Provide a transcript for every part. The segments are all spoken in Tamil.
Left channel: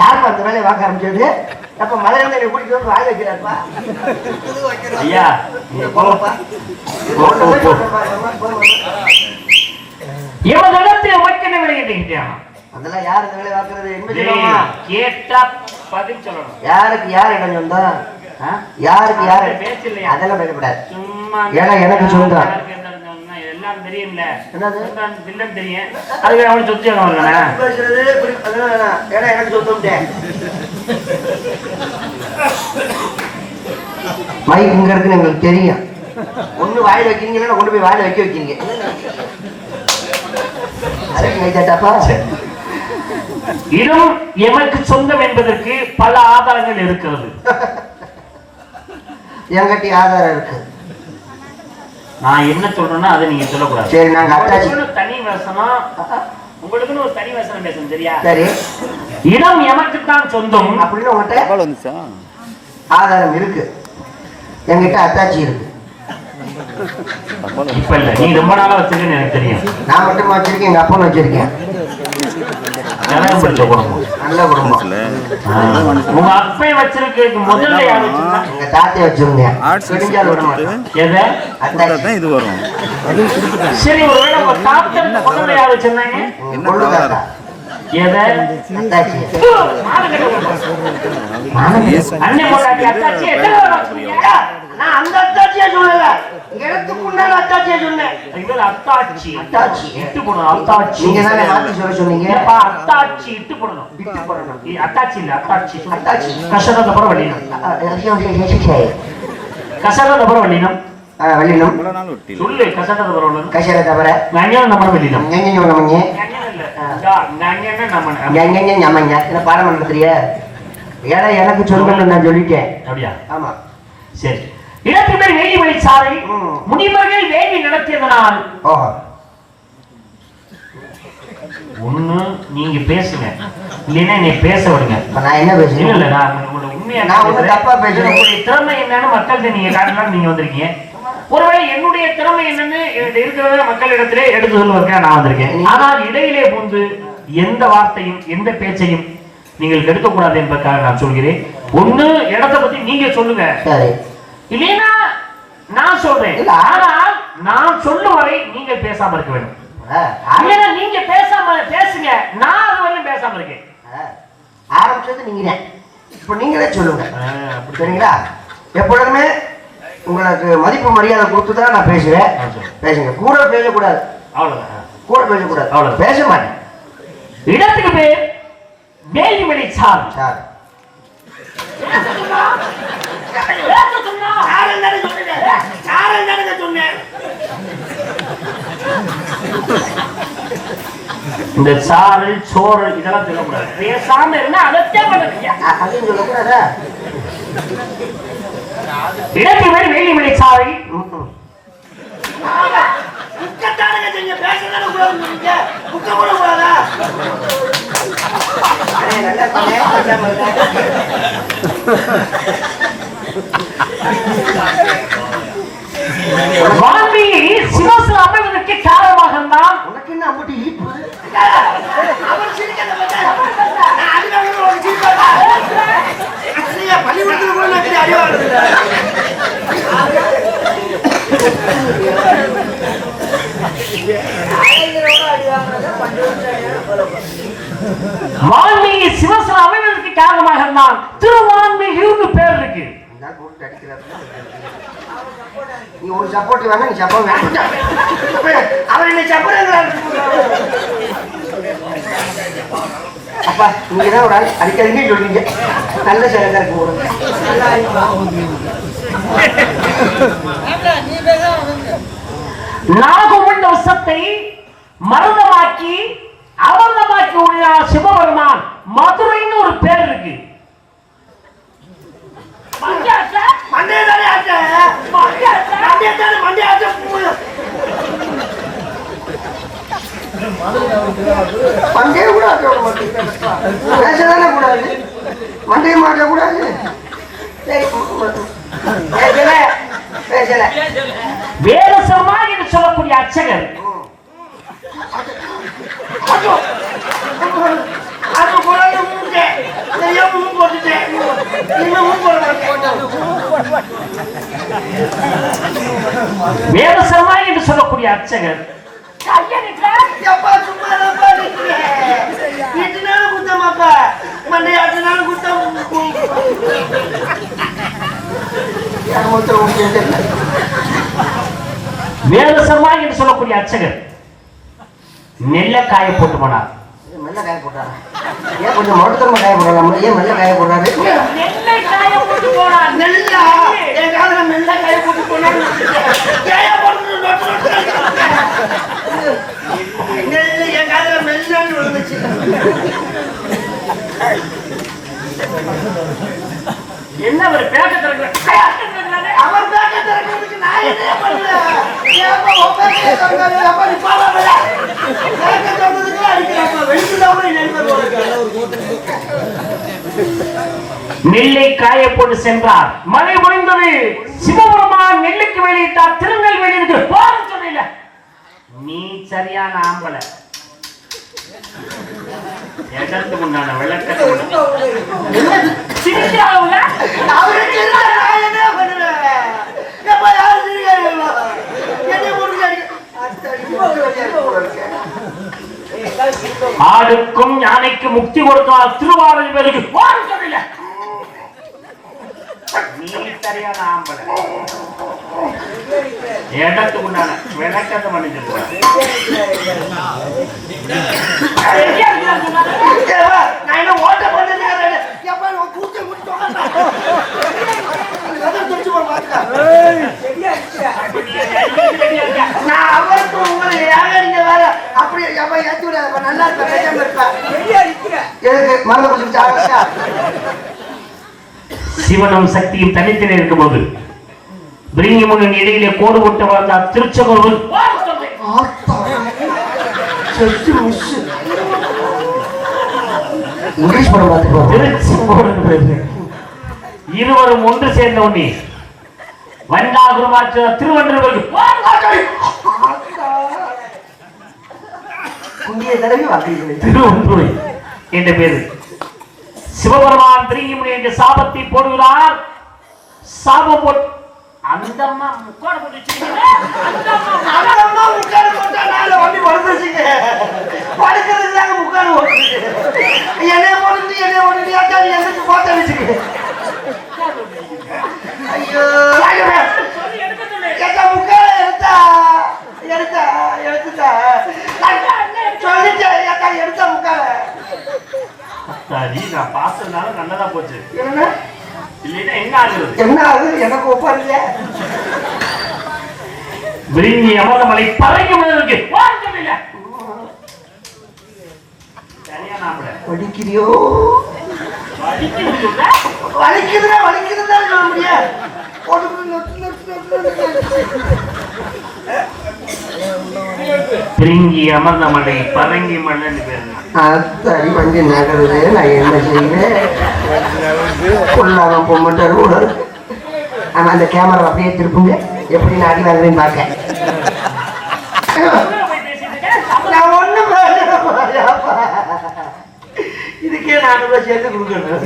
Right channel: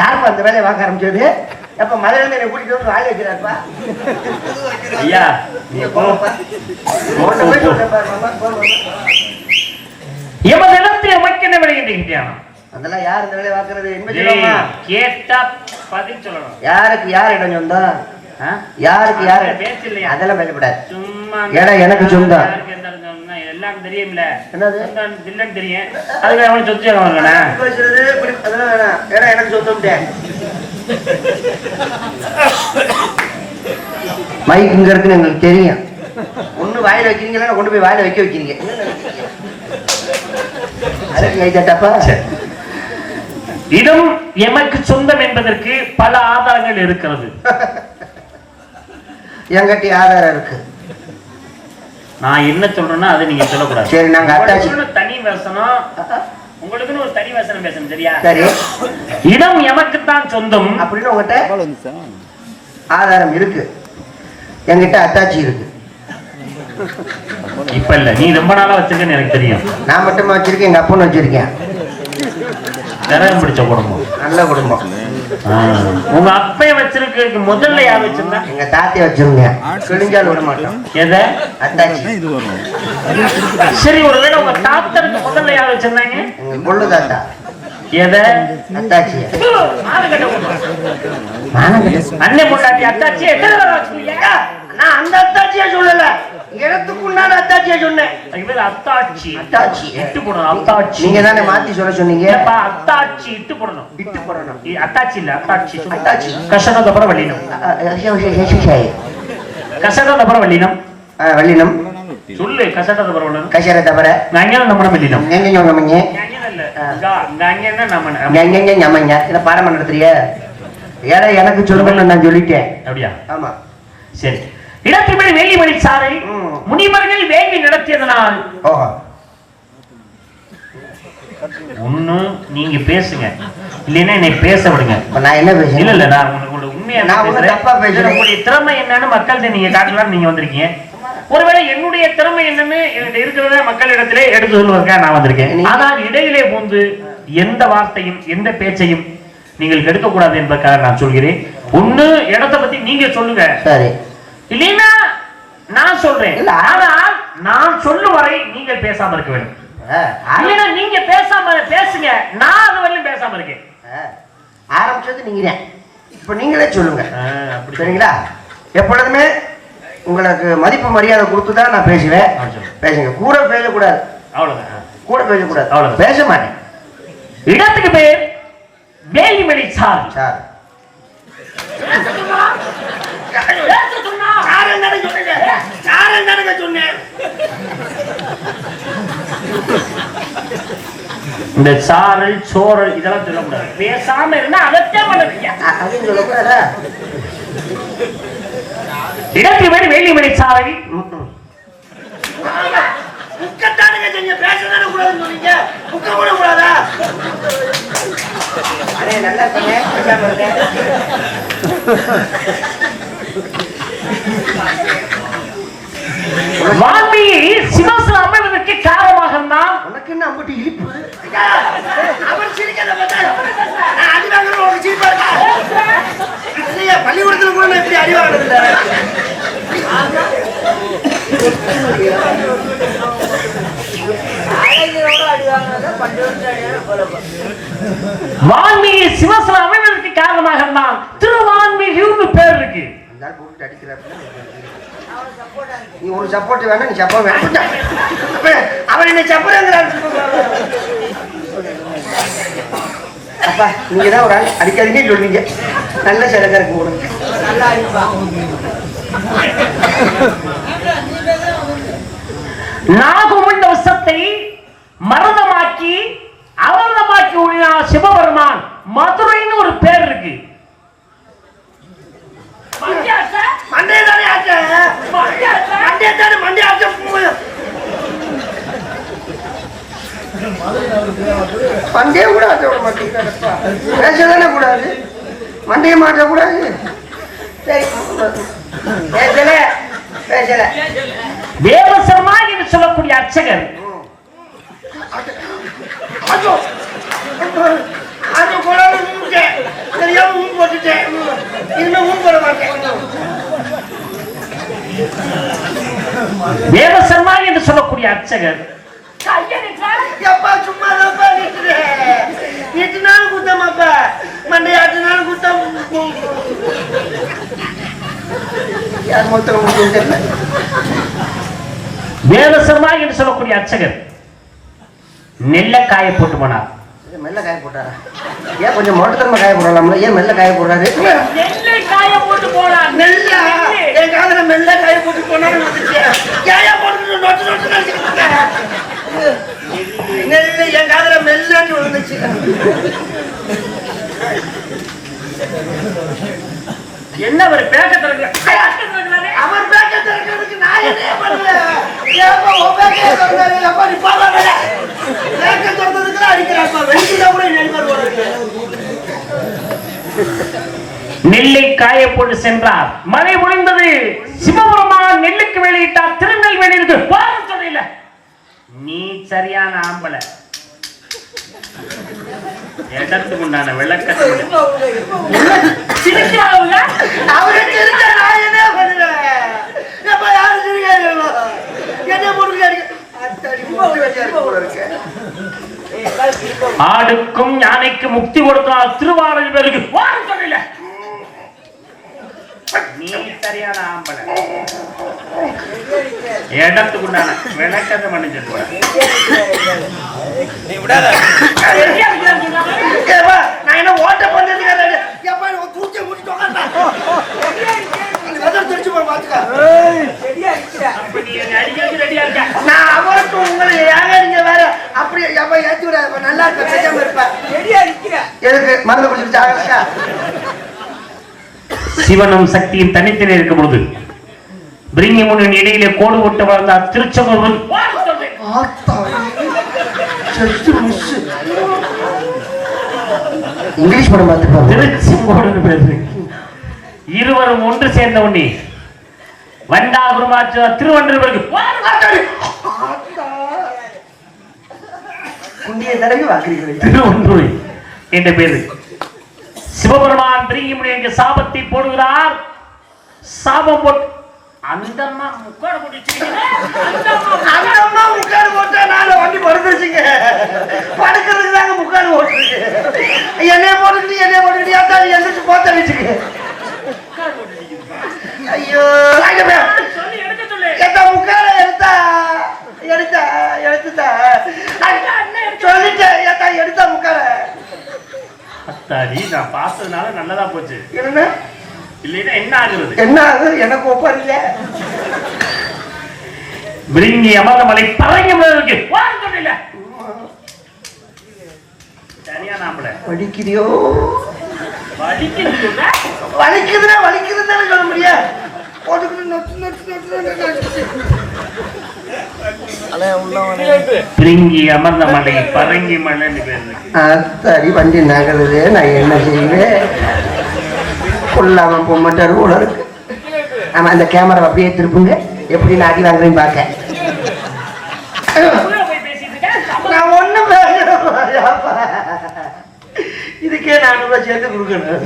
யாருப்பா அந்த வேலையை பார்க்க ஆரம்பிச்சது? அப்ப மதுரை கூட்டிட்டு வந்து வாய் வைக்கிறாருப்பா. ஐயா போங்கப்பா. அதெல்லாம் யார் இந்த வேலையை பார்க்கறது? என்ன கேட்டா பதில் சொல்லணும். யாருக்கு யார் இடம் சொந்தா? யாருக்கு யாரு பேசலையா? அதெல்லாம் பேசப்படாது. ஏன்னா எனக்கு சொந்தம் எல்லாம் தெரியும்ல. என்னது இல்லன்னு தெரியும். அதுல அவனை சொத்து ஏன்னா எனக்கு சொந்தம். மைக் இங்க இருக்குன்னு எங்களுக்கு தெரியும். ஒண்ணு வாயில வைக்கிறீங்களா கொண்டு போய் வாயில வைக்க வைக்கிறீங்க. இடம் எமக்கு சொந்தம் என்பதற்கு பல ஆதாரங்கள் இருக்கிறது. என்கிட்ட ஆதாரம் இருக்கு. நான் என்ன சொல்றேன்னா அதை நீங்க சொல்லக்கூடாது. சரி, நாங்க அட்டாச்சி தனி வசனம், உங்களுக்குன்னு ஒரு தனி வசனம் பேசணும். சரியா? சரி. இடம் எமக்கு தான் சொந்தம் அப்படின்னு உங்ககிட்ட ஆதாரம் இருக்கு. என்கிட்ட அட்டாச்சி இருக்கு. இப்ப இல்ல, நீ ரொம்ப நாளா வச்சிருக்கேன்னு எனக்கு தெரியும். நான் மட்டுமா வச்சிருக்கேன், எங்க அப்பனும் வச்சிருக்கேன். நல்ல குடும்பம். உங்க அப்பா வச்சிருக்கு. முதல்ல யார் வச்சிருந்தா? எங்க தாத்திய வச்சிருங்க. விட மாட்டோம். எதை இது வரும். சரி, ஒருவேளை உங்க தாத்தா முதல்ல யார் வச்சிருந்தாங்க? கொள்ளு தாத்தா. எதை? அத்தாச்சி. அண்ணே பொண்டாட்டி அத்தாச்சி. நான் அந்த அத்தாச்சியா சொல்லல, இடத்துக்குள்ளான அத்தாச்சியா சொன்னேன். அத்தாச்சி அத்தாச்சி இட்டு போடணும். அத்தாச்சி நீங்க தானே மாத்தி சொல்ல சொன்னீங்க. அத்தாச்சி இட்டு போடணும். இட்டு போடணும். அத்தாச்சி இல்ல, அத்தாச்சி. அத்தாச்சி கஷரத பர வள்ளினம். கஷரத பர வள்ளினம். வள்ளினம் சொல்லு. கஷரத பர வள்ளினம். கஷரத பர ஞான நம்ம வள்ளினம். ஞான நம்ம பாரமண்டலத்திலேயே ஏன்னா எனக்கு சொல்லணும்னு நான் சொல்லிட்டேன். அப்படியா? ஆமா. சரி. இடத்துமே வேலிமணி சாலை முனிவர்கள் வேள்வி நடத்தியதனால் ஒண்ணு நீங்க பேசுங்க, இல்லைன்னா என்னை பேச விடுங்க. நான் என்ன பேசுறேன்? இல்ல இல்ல, நான் உங்களோட உண்மையா தப்பா பேசுறேன். உங்களுடைய திறமை என்னன்னு மக்கள்கிட்ட நீங்க காட்டலாம். நீங்க வந்திருக்கீங்க. ஒருவேளை என்னுடைய திறமை என்னன்னு இருக்கிறத மக்களிடத்திலே எடுத்து சொல்வதற்காக நான் வந்திருக்கேன். ஆனால் இடையிலே புகுந்து எந்த வார்த்தையும் எந்த பேச்சையும் நீங்கள் எடுக்கக்கூடாது என்பதற்காக நான் சொல்கிறேன். ஒண்ணு இடத்தை பத்தி நீங்க சொல்லுங்க, இல்லைன்னா நான் சொல்றேன். ஆனால் நான் சொல்லும் வரை நீங்கள் பேசாம இருக்க வேண்டும். நீங்க பேசாம பேசுங்க, நான் அது வரையும் பேசாம இருக்கேன். ஆரம்பிச்சது நீங்க, இப்ப நீங்களே சொல்லுங்க. சரிங்களா? எப்பொழுதுமே உங்களுக்கு மதிப்பு மரியாதை கொடுத்துதான் நான் பேசுவேன். பேசுங்க. கூட பேசக்கூடாது. அவ்வளவுதான். கூட பேசக்கூடாது. அவ்வளவு பேச மாட்டேன். இடத்துக்கு பேர் வேலிமணி சார். சார் இந்த சாரல் சோரல் இதெல்லாம் சொல்லக்கூடாது. பேசாம இருந்தா அதத்தான் பண்ணுறீங்க. அதுவும் சொல்லக்கூடாதா? இடத்துக்கு பேர் வேலிமணி சாலை. சிவசில அமைவதற்கு காரணமாக தான் உனக்கு என்ன அம்பட்டி இழிப்பு? பள்ளிக்கூடத்தில் கூட எப்படி அறிவாடுது? வால்மீகி சிவசில அமைவதற்கு காரணமாக தான் திருவான்மீகின்னு பேர் இருக்கு. நீ ஒரு சப்போர்ட் வேணா, நீ சப்போர்ட் வேணா. அவர் என்ன சப்போர்ட்? அப்பா நீங்க தான் ஒரு ஆள் அடிக்காதீங்க சொல்றீங்க. நல்ல சிலங்க இருக்கு. நல்லா நாகமண்ட விஷத்தை மரணமாக்கி அவர்தமாக்கி உள்ள சிவபெருமான் மதுரைன்னு ஒரு பேர் இருக்கு. மண்டையை கூட பேசதானே கூடாது. மண்டையை மாற்ற கூடாது. வேதசர்மா என்று சொல்லக்கூடிய அர்ச்சகர் அது கொண்டாந்து மூட்டேன் தெரியாம மூணு போட்டுட்டேன். இனிமே மூணு போட மாட்டேன். தேவசர்மா என்று சொல்லக்கூடிய அர்ச்சகர் எப்பா சும்மா எட்டு நாள் குத்தமாப்பா மண்டை 8 நாள் குத்தம். தேவசர்மா என்று சொல்லக்கூடிய அர்ச்சகர் நெல்ல காய போட்டு போனார். மெல்ல காய போட்டாரா? ஏன் கொஞ்சம் மொட்டத்தனமா காய போடலாம்? ஏன் மெல்ல காய போடுறாரு? நெல்லை காய போட்டு போனார். நெல்லா என் காதுல மெல்ல காய போட்டு போனாரு. நெல்லு என் காதுல மெல்லன்னு விழுந்துச்சு. என்ன அவர் பேக்க திறக்கிற? அவர் பேக்க திறக்கிறதுக்கு நான் என்ன பண்ணுவேன்? ஏப்பா உன் பேக்க திறக்காது? அப்பா நீ பாவா மேல பேக்க திறந்ததுக்கு அடிக்கிறப்பா வெண்டில கூட நெல்வர் போடுங்க. நெல்லை காய போட்டு சென்றார். மழை முடிந்தது. சிவபெருமான் நெல்லுக்கு வெளியிட்டார். திருநெல்வேலிக்கு போற சொல்ல நீ சரியான ஆம்பளை. எதற்கு உண்டான விளக்கத்தை சிரிக்கிறாங்க. அவருக்கு இருந்த நான் என்ன பண்ணுவேன்? எப்பா யாரு சிரிக்காதீங்க. என்ன போடுங்க ஆடுக்கும் யானைக்கும் முக்தி கொடுத்தால் திருவாரூர் பேருக்கு போற சொல்ல நீ சரியான ஆம்பளை. இடத்துக்கு உண்டான விளக்கத்தை பண்ணிச்சு போட நான் என்ன ஓட்ட பண்ணது கூச்ச முடிச்சு நான் அவருக்கு உங்களை ஏங்க வேற அப்படி எப்ப ஏற்றி விடாத நல்லா இருப்பேன். எதுக்கு மருந்து குடிச்சு சிவனும் சக்தியும் தனித்தனே இருக்கும் போது பிரிங்கிமுனின் இடையிலே கோடு போட்டு வந்தார். திருச்செங்கோடு இங்கிலீஷ் படம் பார்த்து திருச்செங்கோடு இருவரும் ஒன்று சேர்ந்த உடனே வண்டாகுமாற்ற திருவண்ணூருக்கு திருவண்ணூர் என்ற பேரு. சிவபெருமான் பிரிங்கிமுனிக்கு சாபத்தை போடுகிறார். சாபம் போட்டு அந்த அம்மா முக்காடு போட்டு போட்டா நாளை வண்டி படுத்துச்சுங்க. படுக்கிறது தாங்க முக்காடு போட்டுருக்கு. என்னைய போட்டு என்னைக்கு போத்த வச்சுக்க. ஐயோ முக்கால எடுத்தா சொல்லிட்டேன். எடுத்தா முக்கால சரி நான் பார்த்ததுனால நல்லதா போச்சு. என்ன இல்லைன்னா என்ன ஆகுறது? என்ன ஆகுது? எனக்கு ஒப்பாரில்ல. விருங்கி அமர்ந்தமலை பறங்கி முதலுக்கு சரியா நாமள வலிக்குதியோ வலிக்குதுன்னா வலிக்குதுன்னு சொல்ல முடியாது. பிரிங்கி அமர்ந்த மலை பரங்கி மலை சரி வண்டி நகருது. நான் என்ன செய்வேன்? கொள்ளாம போக மாட்டாரு கூட. ஆமா அந்த கேமரா அப்படியே திருப்புங்க. எப்படி நான் அடி வாங்குறேன்னு பார்க்க. நான் ஒண்ணும் இதுக்கே 400 ரூபாய் சேர்த்து கொடுக்கணும்.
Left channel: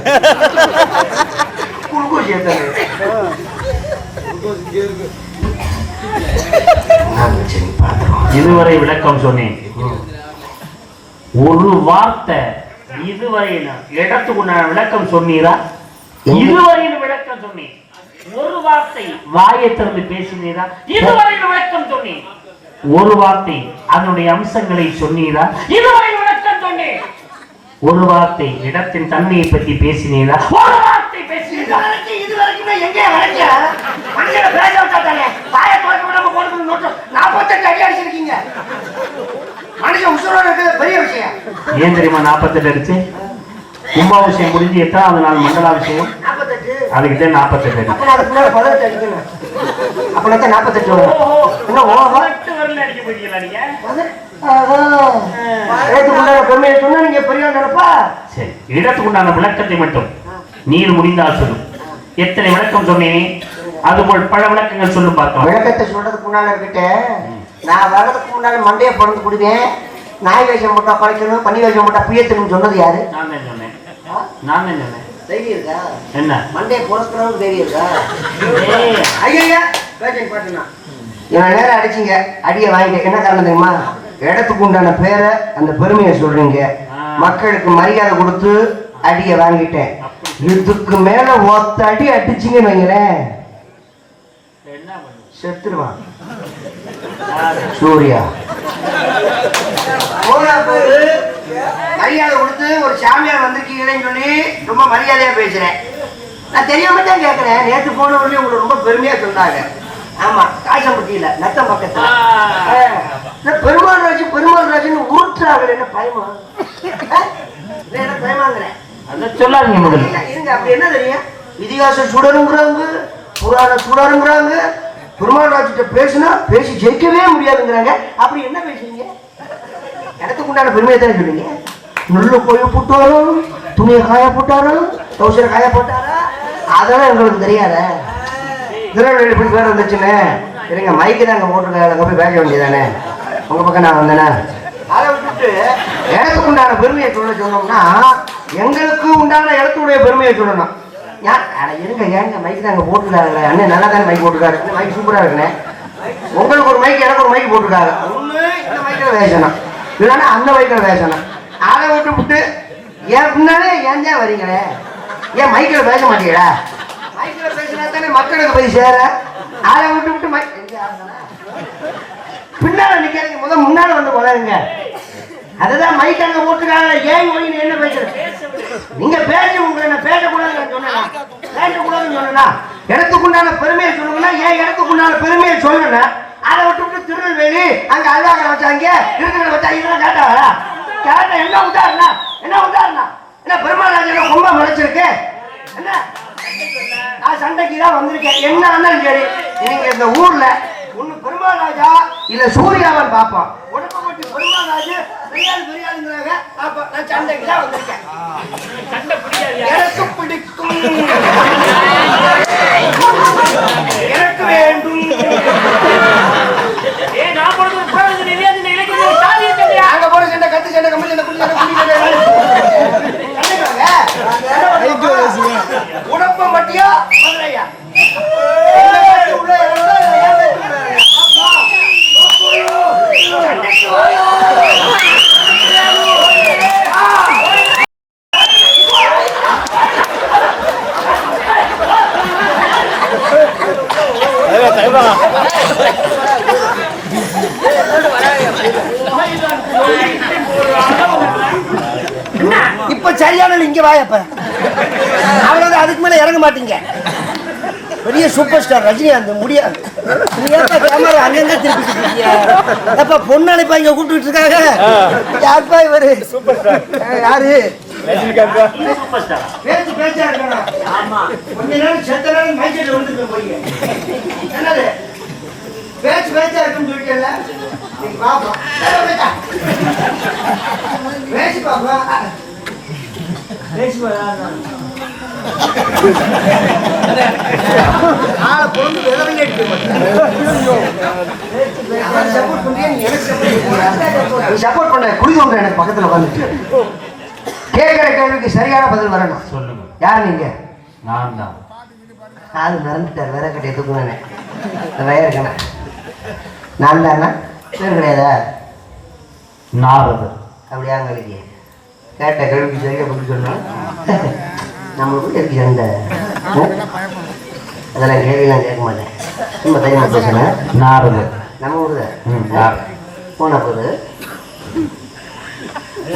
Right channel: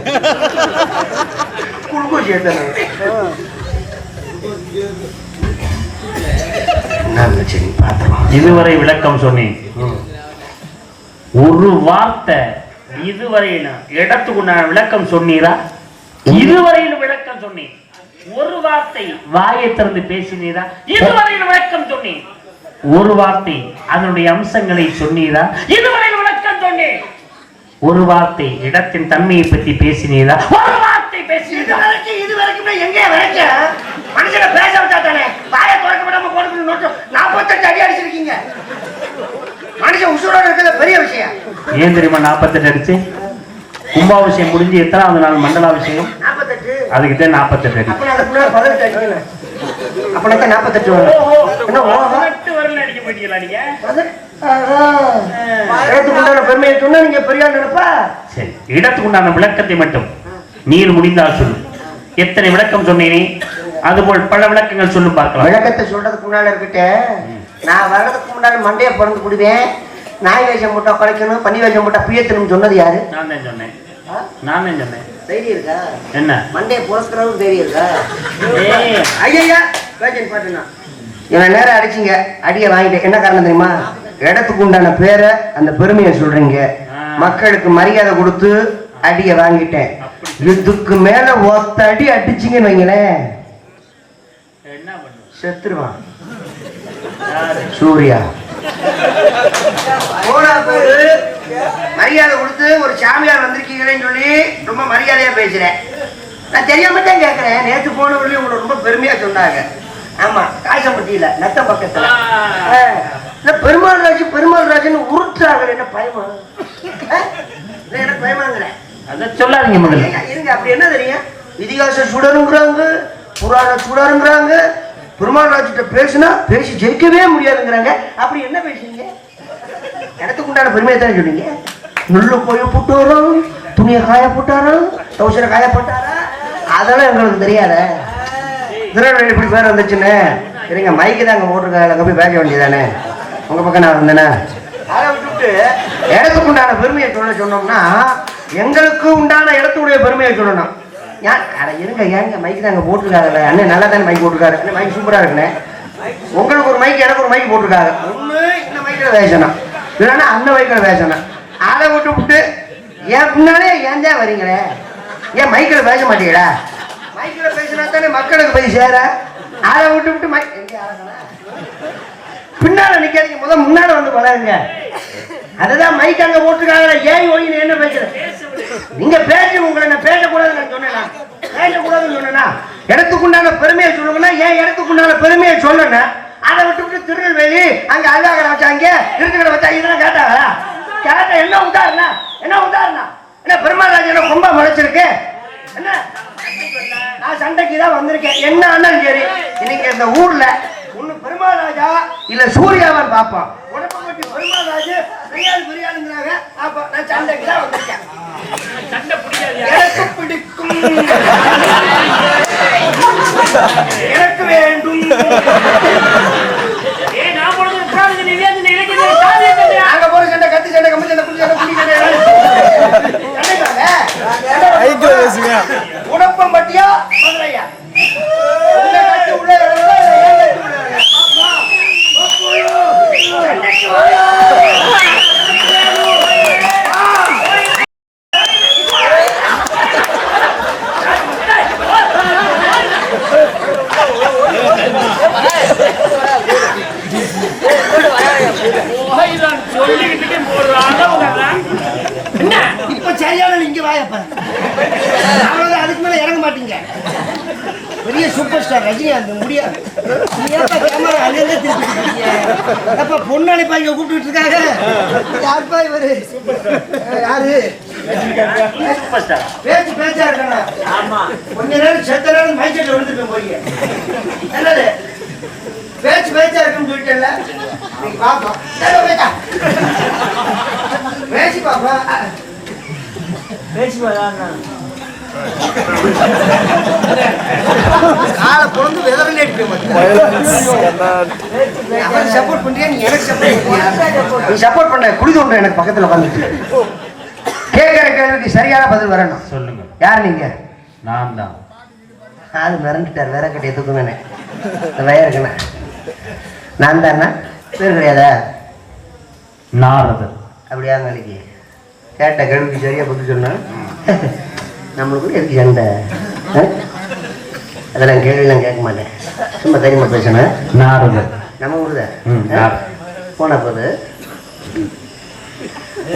குழுக்கு சேர்த்தேன். இதுவரை விளக்கம் சொன்னேன். ஒரு வார்த்தை இதுவரையிலும் இடத்துக்குண்டான விளக்கம் சொன்னீரா? இதுவரையில் விளக்கம் சொன்னேன். ஒரு வார்த்தை வாயை திறந்து பேசினீரா? இதுவரையில் விளக்கம் சொன்னேன். ஒரு வார்த்தை அதனுடைய அம்சங்களை சொன்னீரா? இதுவரையில் விளக்கம் சொன்னேன். ஒரு வார்த்தை இடத்தின் தன்மையை பற்றி பேசினீரா? ஒரு வார்த்தை பேசினீரா? இதுவரைக்கும் எங்கே வரைக்க மனுஷனை பேச வச்சா தானே வாயை திறக்க விடாம போட்டு 48 அடி அடிச்சிருக்கீங்க. மனுஷன் உசுரோட இருக்கிறது பெரிய விஷயம். ஏன் தெரியுமா 48 அடிச்சு? கும்பாபிஷேகம் முடிஞ்சு எத்தனாவது நாள் மண்டலாபிஷேகம்? 48. அதுக்குதான் 48 அடி. அப்ப அதுக்குள்ள 18 அடிக்கணும். அப்ப 48 வரும். என்ன 18 வரல அடிக்க போயிட்டீங்களா நீங்க? பெருமையை சொன்னா நீங்க பெரிய நினைப்பா. சரி, இடத்துக்குண்டான விளக்கத்தை மட்டும் நீர் முடிந்தால் சொல்லு. எத்தனை விளக்கம் சொன்னேனே அதுபோல் பல விளக்கங்கள் சொல்லு பார்க்கலாம். விளக்கத்தை சொல்றதுக்கு முன்னால இருக்கிட்ட நான் வர்றதுக்கு முன்னாடி மண்டையை பிறந்து குடுவேன். நாய் வேஷம் போட்டா குறைக்கணும், பன்னி வேஷம் போட்டா பியத்தணும் சொன்னது யாரு? நான் தான் சொன்னேன். நான் தான் சொன்னேன். தைரியம் இருக்கா? என்ன மண்டே புறக்கிறவங்க தைரியம் இருக்கா? ஐயா வேஷன் பாட்டுனா இவன் நேரம் அடிச்சிங்க, அடியை வாங்கிட்டேன். என்ன காரணம் தெரியுமா? இடத்துக்கு உண்டான பேரை அந்த பெருமையை சொல்றீங்க, மக்களுக்கு மரியாதை கொடுத்து அடியை வாங்கிட்டேன். இதுக்கு மேல ஒத்த அடி அடிச்சிங்கன்னு வைங்களேன், என்ன பண்ணு செத்துருவான். சூர்யா மரியாதை கொடுத்து ஒரு சாமியார் வந்திருக்கீங்களேன்னு சொல்லி ரொம்ப மரியாதையா பேசுறேன். நான் தெரியாம தான் கேட்கிறேன். நேற்று போனவர்களே உங்களை ரொம்ப பெருமையா சொன்னாங்க. ஆமா, காசம்பட்டியில நத்த பக்கத்துல பெருமாள் ராஜுன்னு உருட்டாக. என்ன பயமா? என்ன பயமாங்கிறேன்? அத சொல்லாதீங்க முதல்ல. இருங்க, அப்படி என்ன தெரியும்? இதிகாச சுடருங்கிறாங்க, புராண சுடருங்கிறாங்க. பெருமாள் ராஜ்கிட்ட பேசினா பேசி ஜெயிக்கவே முடியாதுங்கிறாங்க. அப்படி என்ன பேசுறீங்க? இடத்துக்கு உண்டான பெருமையை தானே சொன்னீங்க. நுள்ளு போய் போட்டு வரும், துணியை காய போட்டாரும், தௌசரை காய போட்டாரா, அதெல்லாம் எங்களுக்கு தெரியாத. திருநெல்வேலி இப்படி பேர் வந்துச்சுன்னு சரிங்க. மைக்கு தான் அங்கே போட்டிருக்காங்க, அங்கே போய் பேச வேண்டியதானே. உங்க பக்கம் நான் வந்தேனா? அதை விட்டுவிட்டு இடத்துக்கு உண்டான பெருமையை சொன்னோம்னா எங்களுக்கு உண்டான இடத்துடைய பெருமையை சொல்லணும். இருங்க, ஏங்க மைக்கு தான் அங்கே போட்டுருக்காங்க. அண்ணன் நல்லா தானே மைக் போட்டுருக்காரு. மைக் சூப்பராக இருக்குண்ணே. உங்களுக்கு ஒரு மைக், எனக்கு ஒரு மைக் போட்டுருக்காரு. ஒன்று இந்த மைக்கில் பேசணும், இல்லைன்னா அந்த மைக்கில் பேசணும். அதை விட்டு ஏன் பின்னாலே ஏன் தான் வரீங்களே? ஏன் மைக்கில் பேச மாட்டீங்களா? மைக்கில் பேசினா தானே மக்களுக்கு போய் சேர. அதை விட்டு மைக் பின்னால நிக்காதீங்க, முன்னால வந்து பழகுங்க. அதுதான் மைக் அங்க போட்டுருக்காங்க. ஏன் ஒளி என்ன பேசுறேன்? நீங்க பேசி உங்களை நான் பேசக்கூடாதுன்னு சொன்னா, பேசக்கூடாதுன்னு சொன்னா இடத்துக்குண்டான பெருமையை சொல்லுங்கன்னா ஏன் இடத்துக்குண்டான பெருமையை சொல்லுங்க. அதை விட்டு திருநெல்வேலி அங்க அல்லாஹ் வச்சாங்க, இருக்கிற வச்சாங்க, இதெல்லாம் கேட்டாங்களா? கேட்டா என்ன உண்டாருனா? என்ன பெருமாள் ராஜ் என்ன ரொம்ப முளைச்சிருக்கு? என்ன நான் சண்டைக்கு தான் வந்திருக்கேன். என்ன ஆனாலும் சரி, நீங்க இந்த ஊர்ல ஒண்ணு பெருமாள் ராஜா இல்ல சூர்யாவன் பாப்போம். உடம்பு பெருமாள் ராஜு பெரியாளுங்கிறாங்க. அப்ப நான் சண்டைக்கு தான் வந்திருக்கேன். சண்டை பிடிக்காது, எனக்கு பிடிக்கும், எனக்கு வேண்டும். நான் போறது ஒரு புராண நிவேதனை இலக்கிய சாதிய சண்டை. அங்க போற சண்டை, கத்து சண்டை, கம்பி சண்டை, புள்ளி சண்டை, புள்ளி சண்டை. உடப்பம் பட்டியா மதுரையா? இப்ப சரியான இங்க வாயப்ப அவ்வளவுதான். அதுக்கு மேல இறங்க மாட்டீங்க. பெரிய சூப்பர் ஸ்டார் ரஜினிகாந்த் முடியாது. கேமரா அங்கங்க திருப்பி பொண்ணாளிப்பா இங்க கூப்பிட்டு இருக்காங்க. யாருப்பா இவரு? யாரு? பேச்சு பேச்சா இருக்கா? ஆமா, கொஞ்ச நேரம் செத்த நேரம் மைக்கெட்ல விழுந்துட்டு போய் என்னது பேச்சு பேச்சா இருக்குன்னு சொல்லிட்டேன்ல. நீங்க பாப்பா பேச்சு பாப்பா பேச்சு காலை பொழுது வெதறலே சப்போர்ட் பண்றியா? நீ எனக்கு சப்போர்ட் பண்ண குடிது ஒன்று எனக்கு பக்கத்துல வந்துட்டு கேட்கிற கேள்விக்கு சரியான பதில் வரணும். சொல்லுங்க. யார் நீங்க? நான் தான். காது மறந்துட்டார், வேற கட்டி எதுக்குமே வய இருக்கேன். நான் தானே பேர் கிடையாதா? நாரதர். அப்படியா? உங்களுக்கு கேட்ட கேள்விக்கு சரியா பதில் சொன்னா நம்மளுக்கு எதுக்கு சண்டை? அதெல்லாம் கேள்விலாம் கேட்க மாட்டேன், சும்மா தெரியுமா பேசுனேன். நாரதர் நம்ம ஊர்ல போன போது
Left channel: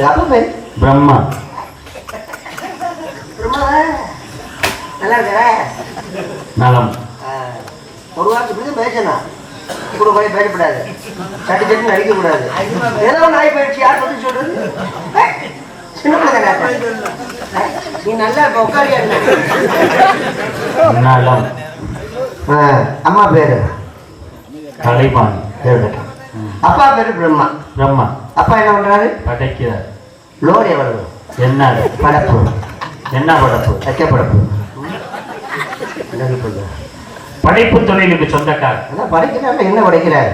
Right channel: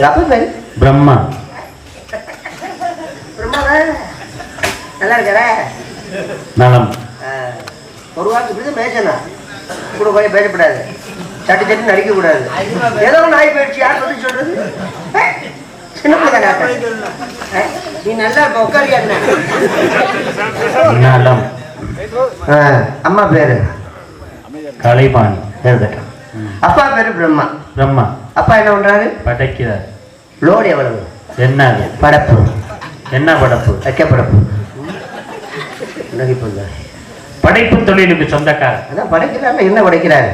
அப்ப பேரு பிரம்மா. பிரம்மாவா? நல்லா இருக்கிற நலம். ஒரு வாரத்துக்கு இப்படி பேசணும், கூட போய் பேசக்கூடாது, சட்டி சட்டி நடிக்க கூடாது. ஏதோ நாய் போயிடுச்சு, யார் பத்தி சொல்றது? சின்ன நீ நல்லா இருப்ப, உட்காரியா? நலம். அம்மா பேரு கலைமான். அப்பா பேரு பிரம்மா. பிரம்மா. அப்பா என்ன பண்றாரு? படைக்கிறார். லோடு எவ்வளவு? என்ன படப்பு? என்ன படப்பு? வைக்க படப்பு. படைப்பு தொழிலுக்கு சொந்தக்காரர். அதான் படைக்கிறாரு. என்ன படைக்கிறாரு?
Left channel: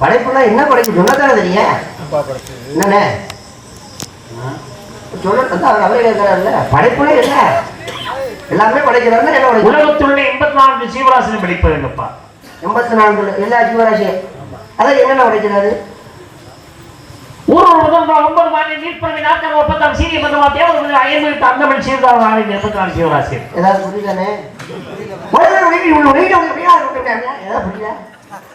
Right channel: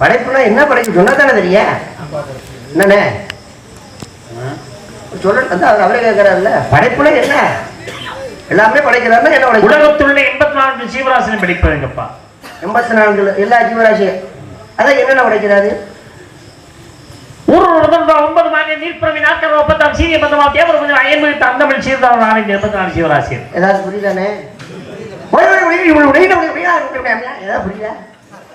படைப்புனா என்ன படைப்பு சொன்னதானே தெரியும் என்னண்ணே சொல்ல அவரே கேட்கிறாருல்ல படைப்புனா என்ன எல்லாமே படைக்கிறாருன்னா என்ன படைப்பு உலகத்தில் உள்ள 84 ஜீவராசியும் படைப்பதுங்கப்பா 84 எல்லா ஜீவராசியும் அதான் என்னென்ன உடைக்கிறாரு 9 மாநில நீர்ப்பறவை நாட்கள் 30 சீரிய பந்தமா தேவர் ஐம்பது அந்தமிழ் சீர்தாவன் 84 ஜீவராசி ஏதாவது புரியுதானே புரியல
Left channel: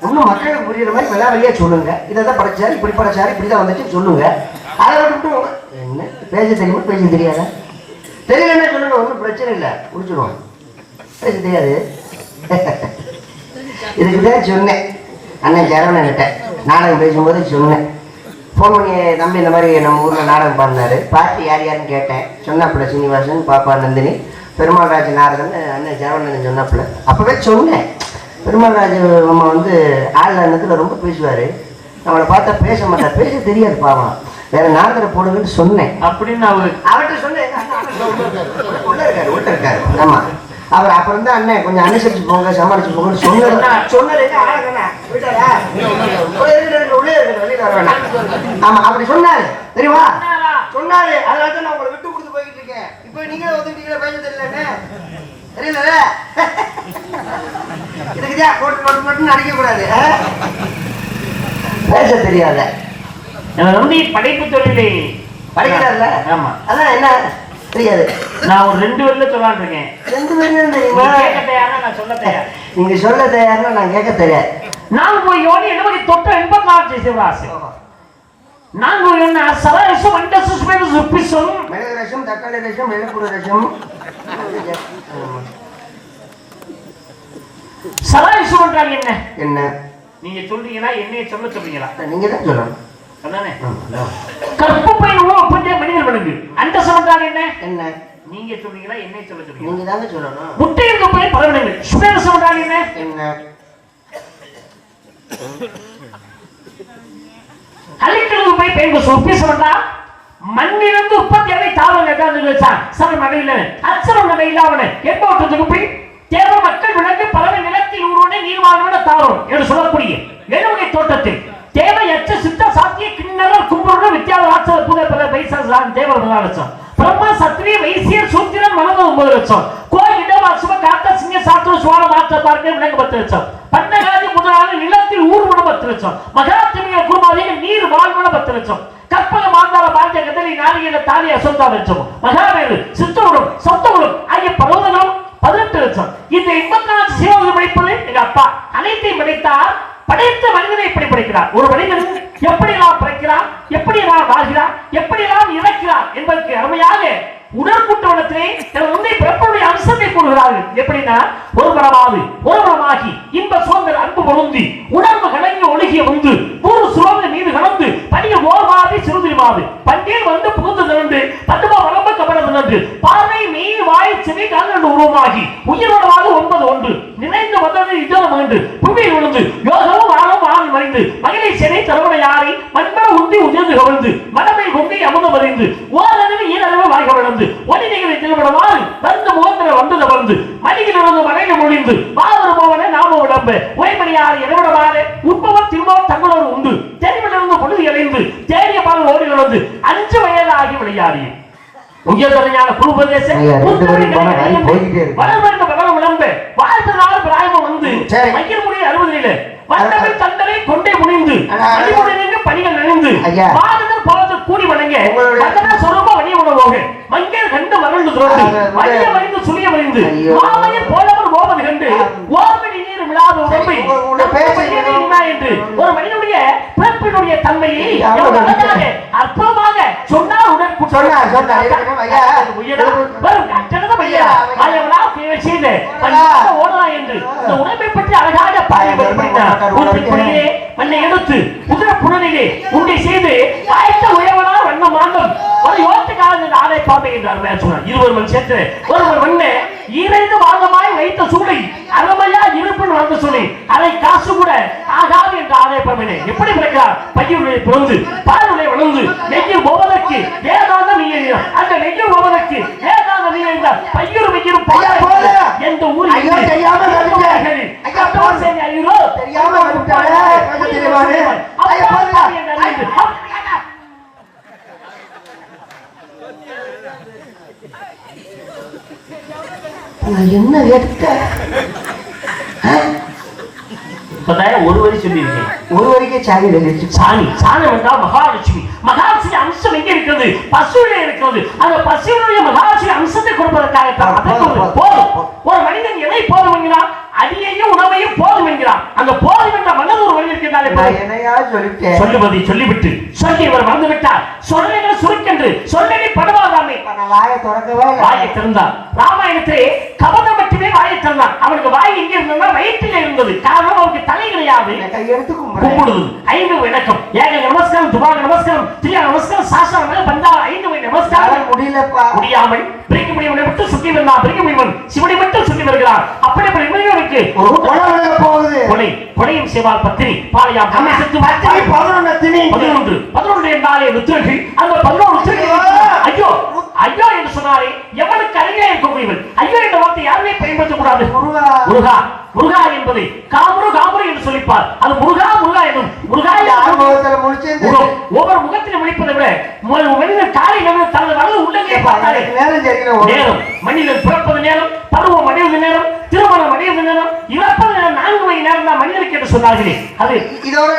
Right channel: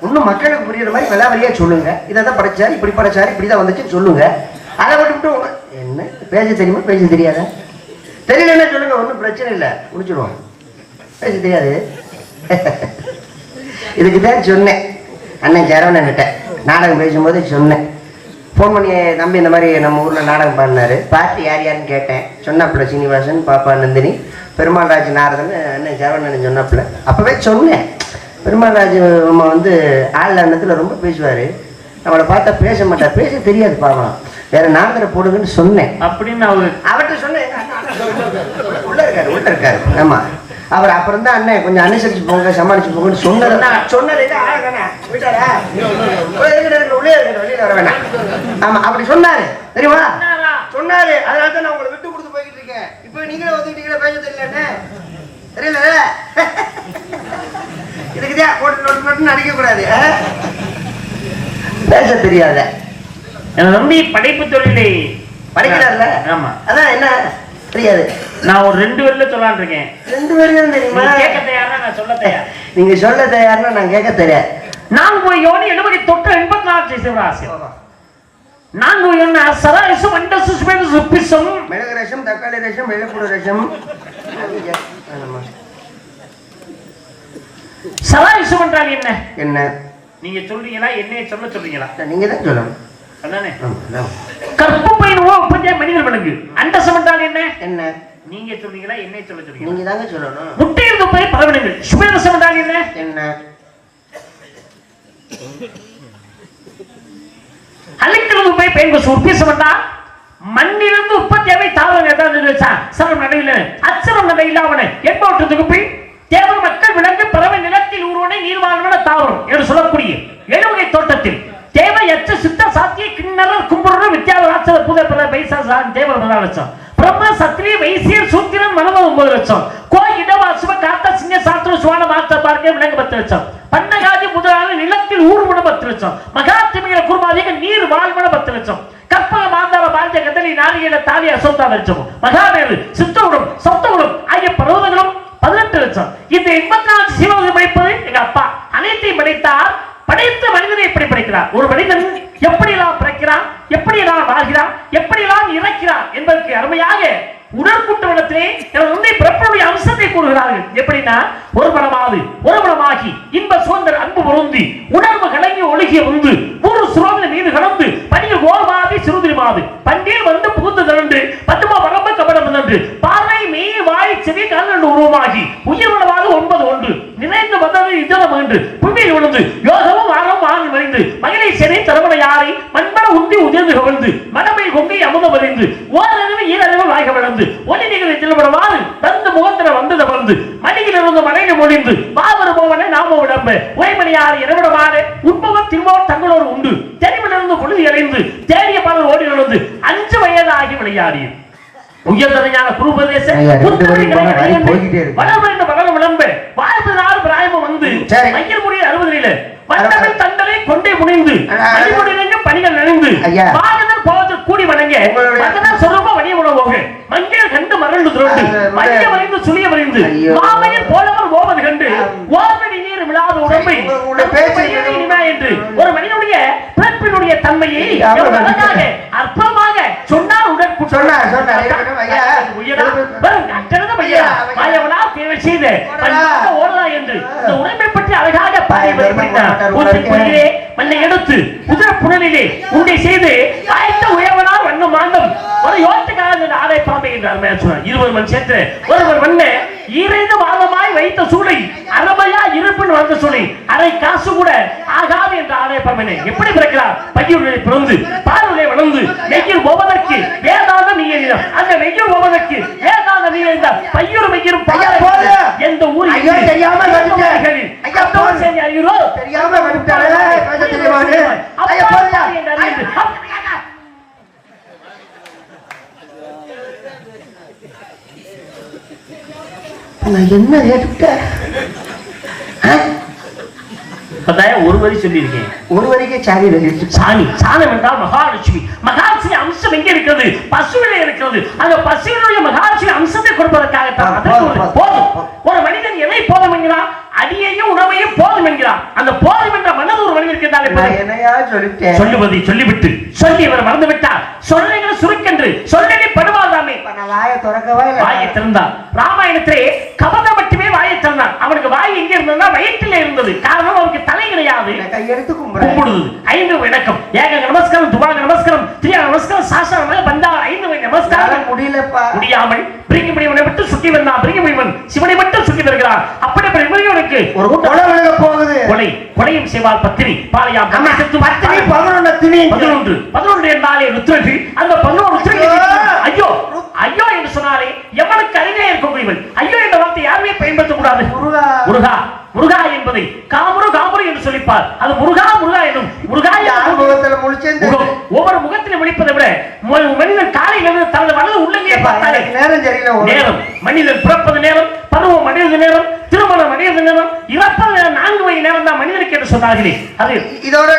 ஒன்னும் மக்களுக்கு புரியுற மாதிரி விளாவரியா சொல்லுங்க இதான் படைச்சாரு இப்படி படைச்சாரு இப்படிதான் வந்துச்சு சொல்லுங்க அதை விட்டு என்ன பேச தெரியுமா பேச தெரியாதா தெரியலன்னா சொல்லுங்க ஒன்றும் பிரச்சனை இல்லை முடிச்சிடுவோம் பேச தெரியாது இதுக்குதான் சொன்னேன் அண்ணன் சரவணன்கிட்ட நாடகம் பேசும்போது சொன்னேன் ஃபோன் பண்ணி தம்பி இந்த மாதிரி நம்ம ஊரில் நாடகம் பாடினாரு பார்த்து யார் யாருன்னு கேட்டேன் சொன்னாப்புல சீனிவாசன் பாப்பா நந்தினி பெருமாள் ராஜ் நாரதன் அண்ணன் சரவணன் சொன்னாப்புல அப்போவே சொன்னேன் பெருமாள் ராஜ் நம்ம வந்து ஆள் அண்ணத்தில் ரொம்ப பேசுவார் நம்மளை பார்த்தா பேச மாட்டார் பேச தெரியாது பாவம் வேற நாடகத்தை போடுங்கன்னு சொன்னேன் அப்படின்னு அவர்கிட்ட சொன்னேன் உள்ள இருக்காரு ஆமாம் அவர் அப்புறம் தான் அண்ணன் கொஞ்சம் அனுசரிச்சு போங்க சமாளிச்சு போங்கன்னு சொன்னது வர வேணாம் ஆமா அப்படி சொன்னாரு தெரியுமா சொன்னாரு அதனால தான் நான் உங்களை விட்டு கொடுத்து போய்கிட்டு இருக்கேன் இப்போ நீங்களே வந்துட்டீங்களா பேச தெரியலன்னு தெரியல இதுக்குதான் போட்டு நோட்டு நோட்டுன்னு அடிக்க கூடாது பேச தெரியாத நம்பி படைப்பு தொழிலை படைக்கிறாருல ஆமா அதான் என்ன தெரியாது நான் ஒரு 2 வரியில சொல்லலான் இருக்கேன் 2 வரியில தெரியுமா கேட்க தயாரா நான் சொல்ல தயார் நீங்க சொல்ல தயார்னா நான் கேட்க தெரியாது நான் போய் யோனி எழுபதி தொட்ட 84 ஜீவராசி நான் போய் என்ன சரசம் அண்டசு சுபேது சுப்பிசம் மிளகு ரசம் தக்காளி ரசம் வெள்ளப்பூடு ரசம் சரசம் என்றால் என்ன என்ன நீங்க சொல்றீங்களா என்னைய சொல்றீங்களா நீங்க தான் சொல்லணும் அதானே கற்பப்பை உபஜை மனிதர் விலங்கு அண்டசம் என்றால் என்ன என்ன நீங்க சொல்றீங்களா என்னைய சொல்றீங்க நீங்க தாங்க சொல்லணும் முட்டையிலிருந்து போய் பலவிடங்கள் சுபேதசம் என்றால் என்ன என்ன அலைக்கிறது போய் பெண்கள் சொப்பிசம் என்றால் மண்ணிலிருந்து உற்பத்தியாவை தாவரங்கள் சரம் நடையில அச்சரம் நடையில அவனை என்பவற்றுக்கு போய் தேவ மக்கள் விலங்கு பறவை நிலத்தில் ஊரோனை நீர்வாழ்வன தாவரம் என்று சொல்லக்கூடிய எழுவகை தோட்டத்தில் தேவையற்ற சித்த சாத்திய கிண்ணறர் கும்புடன் வித்தியாச ராட்சத புத பிற பைசான் தேவர் 4 லட்சம் பிரம்மா சத்திரிய வைசியர் சூத்திரன் மனவ 9 லட்சம் கோய் இடவா சுப காத்த சிங்க சாத்திர சுவான மாத்த பார்க்க விலங்கு 10 லட்சம் பன்னகாதி முதலான நிலத்தில் ஊர்வன 10 லட்சம் மகாத்திமிக குருமாதிகள் நீர் வாழ்வன 10 லட்சம் கற்பக மாந்தார பாஞ்ச கதலி நாளிகையில தாலி அசோதா லட்சம் மகாவேலு சித்தவுடும் சொத்தவுடும் ஆகிய பர்வதங்களும் 18 லட்சம் இந்த 84 சிவனை படைப்பது எங்க அப்பா அனைத்தையும் படைத்தார் படைத்த மனிதனை எப்படி படைக்கிறார் ஒரு மனிதன் எப்படி எல்லாம் பிறக்கிறார் எப்படி எல்லாம் வாழ்கிறார் எப்படி எல்லாம் இறக்கிறார் என்பதற்கு அருமையாக உடற்கூட்டு வளத்திலே உன்னை பிறப்புடைய அம்சத்தை கூறுகிறார்கள் எப்படின்னா ஒரு மனமாகி இன்ப சுதந்திர அன்பு பொருந்தி உணர்வு கலங்கி ஒழுகிய வந்து மூணு சுரோத மீது கலந்து பணிய ஓர்மாதி சிறுதிரி மாது பண்டிகை வந்து புகுந்து திரண்டு பத்துமா வரம்பு கபடம் நின்று பார்வை மெய் வாய் செவி கால் உருவமாகி உயிர் உணவாக 9 ஒன்று நிறைந்து வந்தது இதம் என்று புண்ணியில் விழுந்து யோகமும் ஆழம் ஆண் மறைந்து மகிழை சிறை தரவணை யாரை மண்மன உந்தி உதிர்ந்து கவிழ்ந்து மனமை கொண்டு அமுதம் அறிந்து ஓரறிவு ஈரறிவு வாய்க வளர்ந்து ஒளி நிகழ்ச்சி திருவிடவாறு வந்து முகந்திர வந்தது வந்து மணியிலிருந்து மலையில மொழிந்து பாவரு போவனை நாம உடம்பு ஒய்மணியார் இரவிடமாறு உண்பவர் திருவோர் தங்களோடு உண்டு தெரிவிலிருந்து பொழுது இறைந்து தேடிய பாடல் ஓடி நடந்து 5 வயதாகி விளையாடி உயர்தனையான குருபதேசம் வளர்ந்து பகலும் விளம்பு வாழ்ந்து நாள் பிராயமம் வந்து ஐயர் முடிய 60 வந்தவன் தங்களை கொண்டே முனைந்து அடிமுடிந்து பணிகள் நினைந்து பாரதம் போவது கூடி வணங்க வந்தனா சொரூப வணிய உணவோக மஞ்சள் கண்டு மறந்து துரோண்டு மஞ்ச வரைந்து சுழிய வரைந்து மாமையில் போலவர் ஓவது கண்டு ஓர்மணி நீர் விழாத உடம்பை என்று ஒரு மனிதனுடைய பிறப்பினுடைய தன்மையை அற்பமாக சொன்னார் உடன் ஓடலாம் என்று இந்த உடம்பை பற்றி அழகாக மண்ணை எடுத்து குதிர புனலிலே உண்டை செய்து ஆயத்த உயர்வனா வண்ண மாண்டம் ஒரு யோட்டுக்காக ஆடை பாம்பை என்றார் 20 மணி சேர்த்து ஒருவர் வண்ண ஈரைந்து வாதமாய் வைத்த சூளை அறமையா இருப்பின் வந்த சூளை அரை காசு கூட ஆகாது என்ற ஆடை பாம்பினை எப்படி பிறக்கிறார் பையுடைய பிறந்து பாலுடைய வளர்ந்து நெய்யில் போவதற்கு வேதாந்த நீர் அந்த நெய்யில் போவதற்கு வேதாந்த நீர் என்றால் பையூர் வைக்கிற எந்த ஊரில் தெரியாம என்ன எடுத்த ஒரு வரி சொல்லியிருக்கேன். ஒரு வரிக்கே சாணி சாணி சாணம் என்றால் மகாலட்சுமி. மகாலட்சுமி அம்சம் எங்க இருக்கிறது? பசுவிலே இருக்கிறது. அந்த பசுவினுடைய மகாலட்சுமி அம்சத்தை கொடுப்பதற்காக போதும். ஒரு மனிதன் எதை போதும் என்கிறான்? அடியையும் உணவையும் போதும் என்கிறான். அந்த போதும் என்ற மனது ஒரு மனிதன் இருக்கின்றால் சொல்லுவதை சொல்லிவிட்டு சொல்லி இவர் மறந்து விட்டார். சொல்லைகள் சுருக்கென்று சொல்லி படுவாதாமே. வாயை திறக்கவா வாயை திறந்தான். ராமாயணத்திலே கபதம் மட்டுமே வாயை திறந்தான். அவனுக்கு வாய் எங்க இருந்ததுன்னா வயிற்றிலே இருந்தது. காரணம் அவருக்கு தலை கிடையாது. கையெடுத்து கும்பிடுது. 5 வணக்கம். ஏக நமஸ்காரம், துபாக நமஸ்காரம், திரியா நமஸ்காரம், சாஸ்திரம் பந்தா 5 நமஸ்காரம். முடியலப்பா. முடியாமல் பிரிக்க முடியவனை விட்டு சுற்றி வந்தான். பிரிக்க முடியவன் சிவனை மட்டும் சுற்றி வருகிறான். அப்படிப்பட்ட இவனுக்கு ஒரு கொலை விழுக போகுது. கொலையும் செய்வாள் பத்தினி பாளையா. 11 என்றாலே ருத்ரர்கள். அந்த 11 ருத்ரர்கள் ஐயோ ஐயோ என்று சொன்னாலே எவனுக்கு அருகே இருக்கக்கூடியவன் ஐயோ என்ற வார்த்தை யாருமே பயன்படுத்தக்கூடாது. முருகா முருகா என்பதை காமுரு காமுரு என்று சொல்லிப்பார். அது முருகா முருகா எனும். முருகா ஒவ்வொரு முகத்திலும் விழிப்பதை விட மனிதன் காலையில் தனது வலது உள்ளே பார்த்தாலே நேரம் மனிதன் பிறப்பது நேரம், பருவம் அடைவது நேரம், திருமணம் அடைவது நேரம், இறப்பது நேரம் 4 மணி நேரம் தான் மனிதனுக்கு என்று சொன்னார்களே. அது இதோட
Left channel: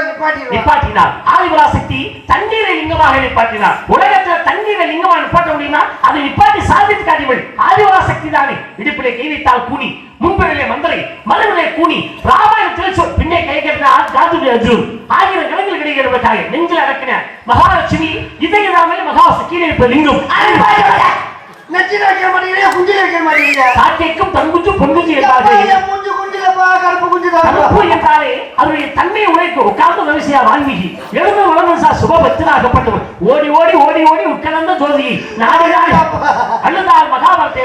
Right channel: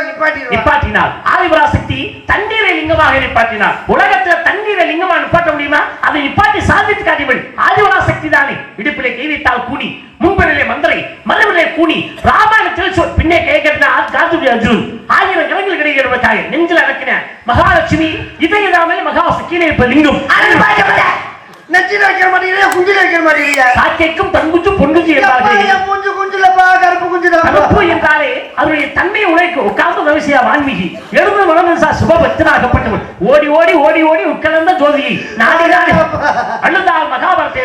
நிப்பாட்டினார். ஆதிபராசக்தி தண்ணீரை லிங்கமாக நிப்பாட்டினார். உலகத்தில் தண்ணீரை லிங்கமாக நிப்பாட்ட முடியுமா? அதை நிப்பாட்டி சாதித்து காட்டியவள் ஆதிபராசக்தி தானே. இடுப்பிலே கை வைத்தால் கூனி, முன்பதிலே மந்திரை, மலவிலே கூனி. ராமாயணத்தில் பின்னே கை கட்டினார் காத்துடைய அர்ஜுன். 1000 கணக்கில் கிடைக்கிறவர்களுக்காக நெஞ்சில் அடக்கின மகாலட்சுமி இதயதாமல் மகாசக்தி கீழே இருப்ப லிங்கம். நெஞ்சில வைக்கிற மாட்டீங்க, குஞ்சில வைக்கிற மாட்டீங்க. காக்கைக்கும் தங்குஞ்சு பொன்குஞ்சு என்றாலே அதனுடைய தன்மையை உழைக்கும். உட்கார்ந்து ரவிசியா வான்மீகி எழுந்து வளர்ந்து சுபபக்தனாகப்பட்டவன். ஓடி ஓடி ஓடி ஓடி உட்கலந்த ஜோதியை நாடு நாடு அழுந்தால் மகாபாரத்தை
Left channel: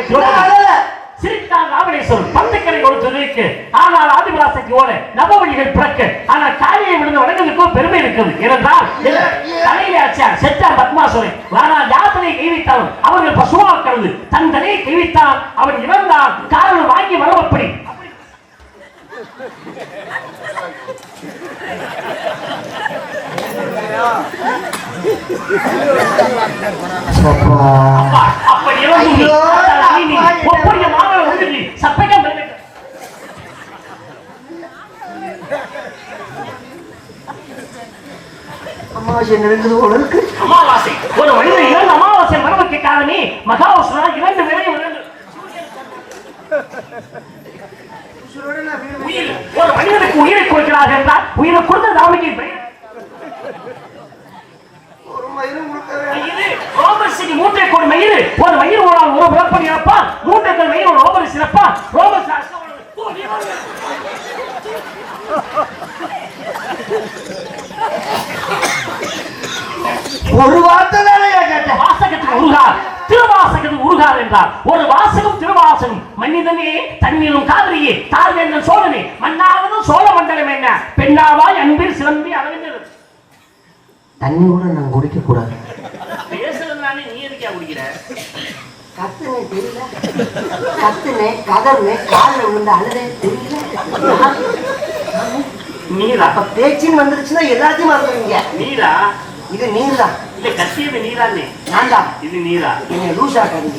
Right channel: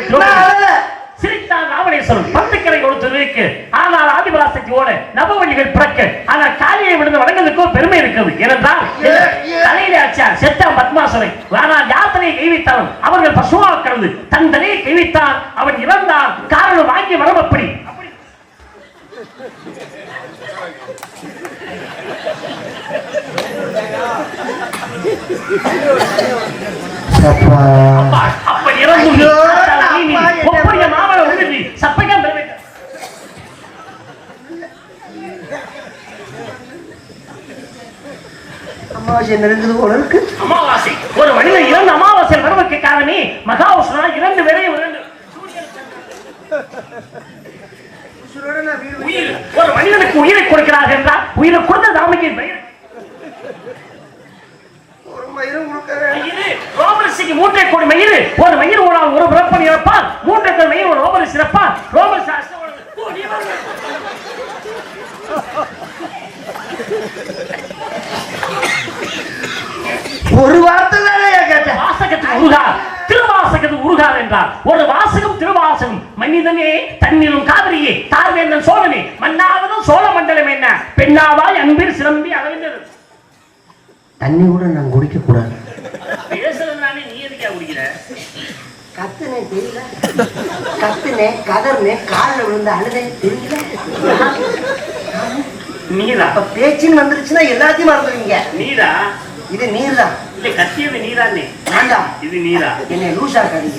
சிரித்தார் ராவணேஸ்வரன். 10 கரை கொடுத்து ஆனால் ஆதிபராசக்தியோட நவவழிகள் பிறக்க. ஆனால் காலியை விழுந்து வழங்குவதற்கு பெருமை இருக்கிறது. ஏனென்றால் தலையிலே ஆச்சார் செத்தான் பத்மாசுரன். ஆனால் யாத்தனை கைவித்தாலும் அவர்கள் பசுவாக்கிறது. தன் தலையை கைவித்தான், அவன் இறந்தான். காரணம் வாங்கி வரவப்படி. அப்ப இறந்து அமாவாசை ஒரு மனிதன் இறந்த அமாவாசை வரவுக்கு காரணமே மகாவிஷ்ணு 2 வேளையும் ஒரு மனிதனுக்கு உயிரை கொடுக்கிறார் என்றால் உயிரை கொடுத்த தாமிக்கு பெயர் ரோமரிசிக்கு 3 கோடி மயிறு. ஒரு மயிர் ஓடால் ஒரு பிறப்பன் இறப்பார். 3 கோடி மயிர் ஒரு ரோமரிசி இறப்பார். ரோமரிசி ஒரு வார்த்தை வாசகத்துக்கு உருகார், திருவாசகத்துக்கு உருகார் என்றார். ஒரு வாசகம் திருவாசகம். மனிதனே தன்னிலும் காவிரியே தாழ்வேந்தன் சோழனே மன்னாவதும் சோழ மண்டலம் என்ன பெண்ணாவாய் அன்பில் சிலம்பி அளவிந்தது. தண்ணி கூட நான் குடிக்க கூடாது. பேசுறதுனாலே நீ எதுக்கா குடிக்கிற? கத்துனே தெரியல, கத்துனே கதர்னே காலில் விழுந்த அழுதே தெரியல. நீரா? அப்ப பேச்சின்னு வந்துருச்சுன்னா எல்லாத்தையும் மறந்துடுவீங்க. நீரா? இது நீர் தான். இல்ல கத்தியது நீரானே. நான் தான். இது நீரா? என்னை லூசா கடிங்க.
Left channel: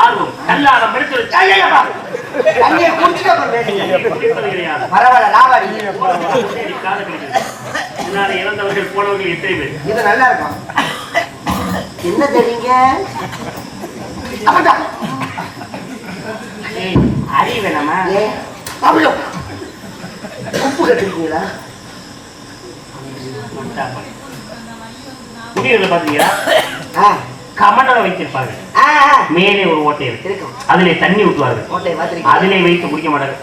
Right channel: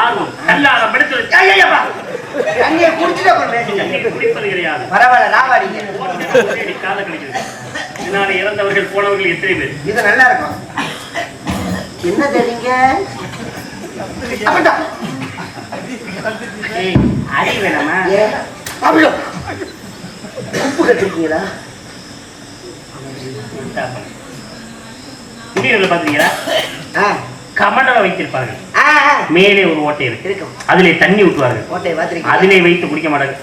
ஆர்வம் கல்லாரம் எடுத்து தண்ணியை குடிச்சுட்டு அப்புறம் பேசுங்க. குடிப்பது கிடையாது. பரவாயில்ல ராவாடி காத கிடைக்கிறது. முன்னாடி இறந்தவர்கள் போனவர்கள் எத்தனை பேர்? இது நல்லா இருக்கும். என்ன தெரியுங்க? அறி வேணாமா? உப்பு கட்டிருக்கீங்களா? முடிவுல பாத்தீங்களா? கமண்டலம் வைத்திருப்பாங்க. மேலே ஒரு ஓட்டை இருக்கு. அதிலே தண்ணி ஊற்றுவார்கள். அதிலே வைத்து குடிக்க மாட்டாங்க.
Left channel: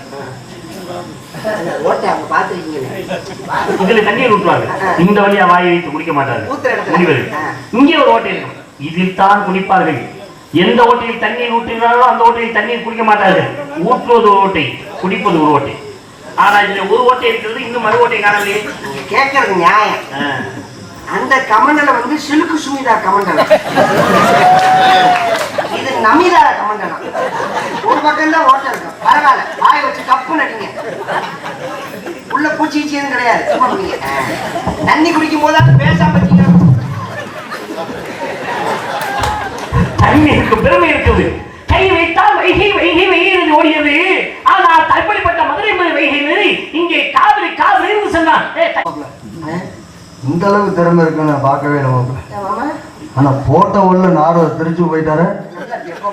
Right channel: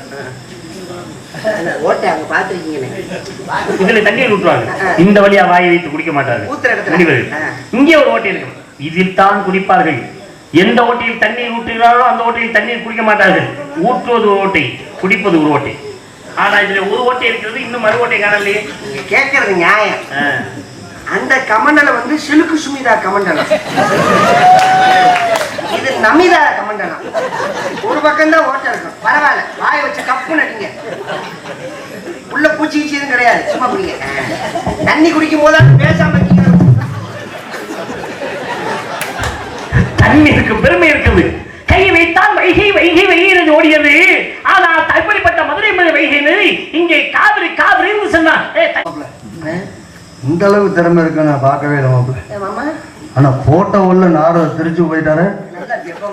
இதுல தண்ணீர் ஊற்றுவாங்க. இந்த வழியா வாயை வைத்து குடிக்க மாட்டார்கள். இங்கே ஒரு ஓட்டை இருக்கும். இதில் தான் குடிப்பார்கள். எந்த ஓட்டையில் தண்ணீர் ஊற்றினாரோ அந்த ஓட்டையில் தண்ணீர் குடிக்க மாட்டார்கள். ஊற்றுவது ஒரு ஓட்டை, குடிப்பது ஒரு ஓட்டை. ஆனா இதுல ஒரு ஓட்டை இருக்கிறது, இன்னும் மறு ஓட்டை காணலையே. கேட்கறது நியாயம். அந்த கமண்டலம் வந்து சிலுக்கு சுமிதா கமண்டலம், இது நமிதா கமண்டலம். ஒரு பக்கம் தான் ஓட்டை இருக்கும். பரவாயில்ல, வாயை வச்சு கப்பு நடிங்க. உள்ள பூச்சி எதுவும் கிடையாது. சும்மா குடிங்க. தண்ணி குடிக்கும் போது பேசாம தண்ணீருக்கு பெருமை இருக்குது. கை வைத்தால் வயிற்று இந்த அளவுக்கு திறமை இருக்கு நான் பார்க்கவே இல்லை மாப்பிள்ள. மாமா ஆனா போட்டோ உள்ள நாரத திருச்சி போயிட்டாரு. நல்லா இருக்கு, எப்போ